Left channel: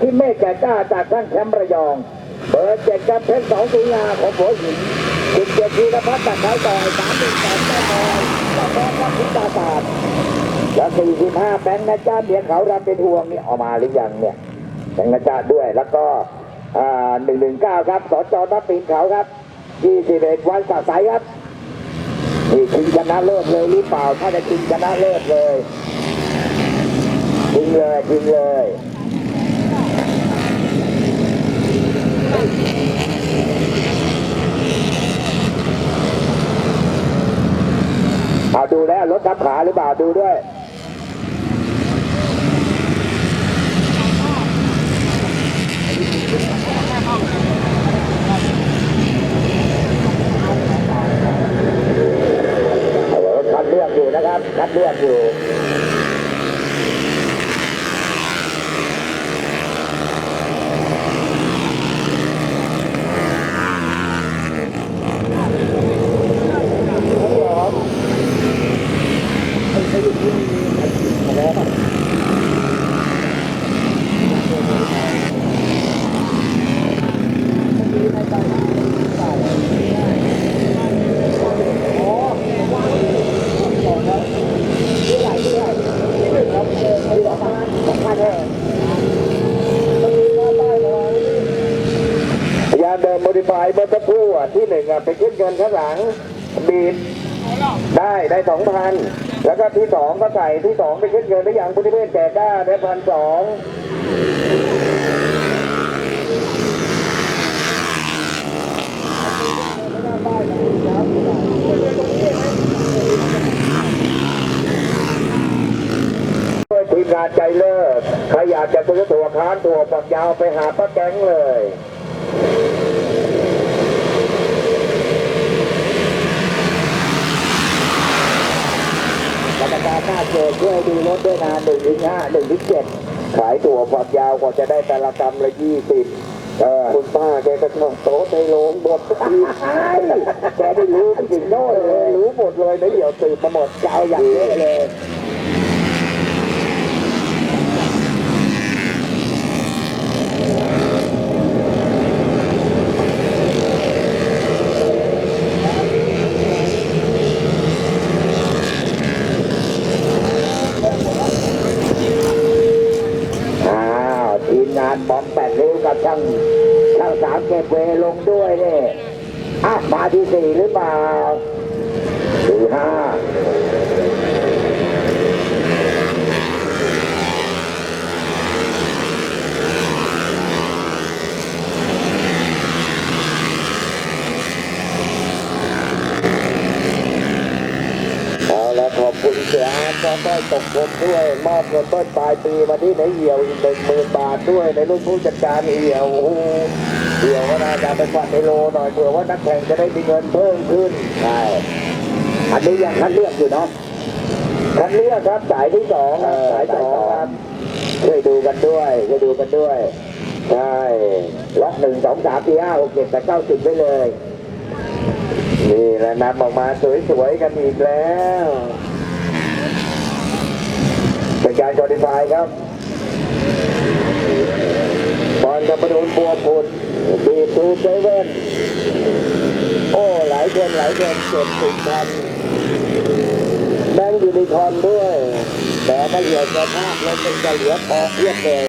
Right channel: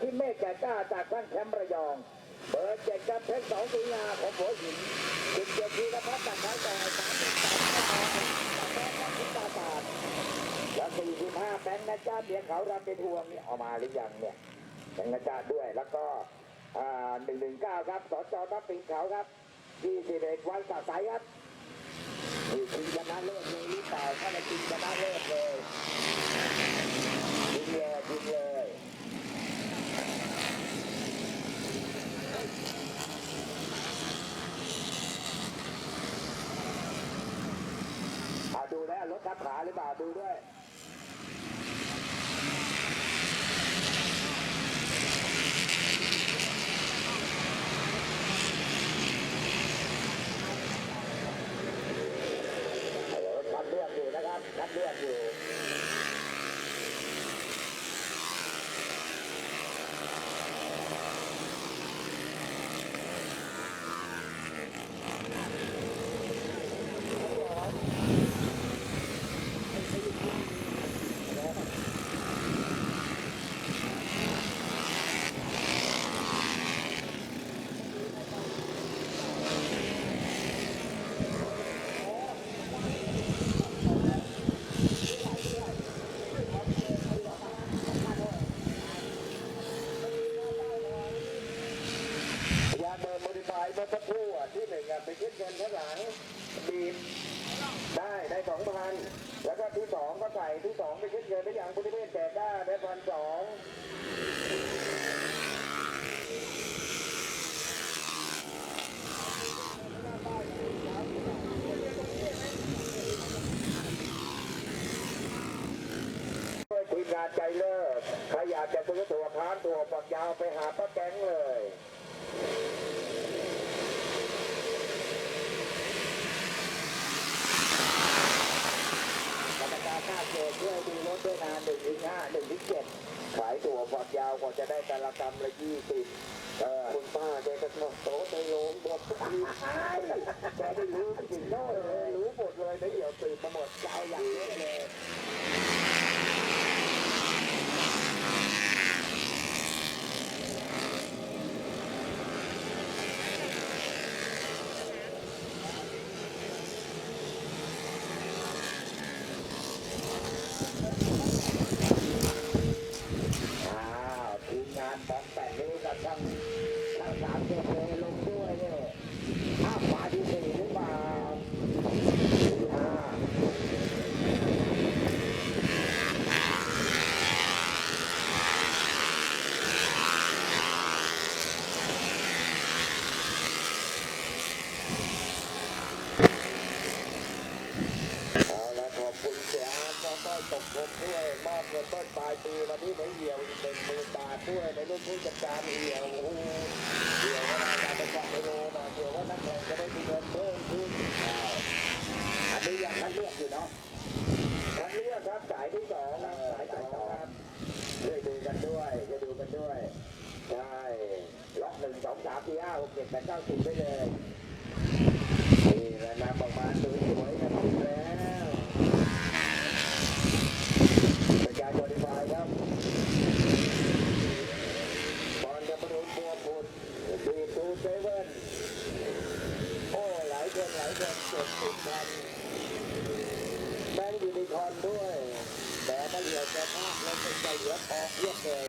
ที่เมฆแก่กล้าจากท่านแชมป์ระยอง เบอร์เจ็ดกับเพชรสองสุงาของหัวหินสิบเจ็ดธีรพัฒน์จากท้ายต่อยสามหนึ่งแปดแม่บอยต่อแม่กับพิตาศาสตร์และสี่สิบห้าแบงค์นะจ้าเบียเขารำเป็นห่วงนี่ออกมาหรือยังเนี่ยแบงค์นะจ้าด้วยแล้วก็หนึ่งหนึ่งเก้าครับสจนับปีนเขาครับยี่สิบเอ็ดวันสะใสครับนี่ชิงชนะเลิศเลยหรือเปล่า ถ้าจะชิงชนะเลิศเลยชิงเลยชิงเลย เอาดูแล้วรถทับขาหรือเปล่าดูด้วยรถคัดเลือกอยู่นะครับคัดเลือกอยู่ เดินโมดิฟายเมื่อสักครู่อะที่หนึ่งอะไปขึ้นเงินข้างหลังบีดได้ได้สองพันแล้วก็ที่สองก็ใส่ที่สองไปขึ้นเงินได้อย่างบุญเวศแก่กล้าได้พันสองทีมงานใจเลิศใครอยากจะซื้อตัวค้านตัวฝักยาวไปหาป้าแก๊งเลย กร รมการหน้าเจอช่วยดูรถด้วยนะหนึ่งถึงห้าหนึ่งถึงเจ็ดขายตั๋วฝักยาวกว่าจะได้แต่ละกรรมละยี่สิบคุณป้าแกก็ชอบโต๊ะในโรงบททีใช่แกได้รู้ถึงโน่นเลยรู้หมดเลยนะเดี๋ยวสืบมาหมดจะเอาอย่างเยอะเลย อ้าวทีมงานบอมแปดริ้วกับช่างช่างสามเก็บเวลงด้วยนี่อะมาที่สี่หรือเปล่าสี่ห้าเอาละขอบคุณเสียอาร์ต ก็ต้อยตกลงด้วยมอบเงินต้นปลายปีมาที่ในเหี่ยวอีกหนึ่งหมื่นบาทด้วยในรุ่นผู้จัดการเหี่ยวโอ้โหเหี่ยวก็น่าจะไปกวาดในโลหน่อยเผื่อว่านักแข่งจะได้มีเงินเพิ่มขึ้นใช่อันนี้ยังคัดเลือกอยู่เนาะคัดเลือกครับสายที่สองครับสายสองครับช่วยดูกันด้วยช่วยดูกันด้วยใช่ล็อกหนึ่งสองสามสี่ห้าหกเจ็ดแปดเก้าสิบไปเลยนี่แหละนำออกมาสวยๆกันอีกแล้ว เป็นการจอดิฟายครับบอลกับประดูนบัวพุดบีทูเซเว่นโอ้ หลายคนหลายคนเจ็บติดพันแบงค์ยูนิคอนด้วย แต่ไม่เหลือสภาพแล้วเป็นจะเหลือพอเพียบเลย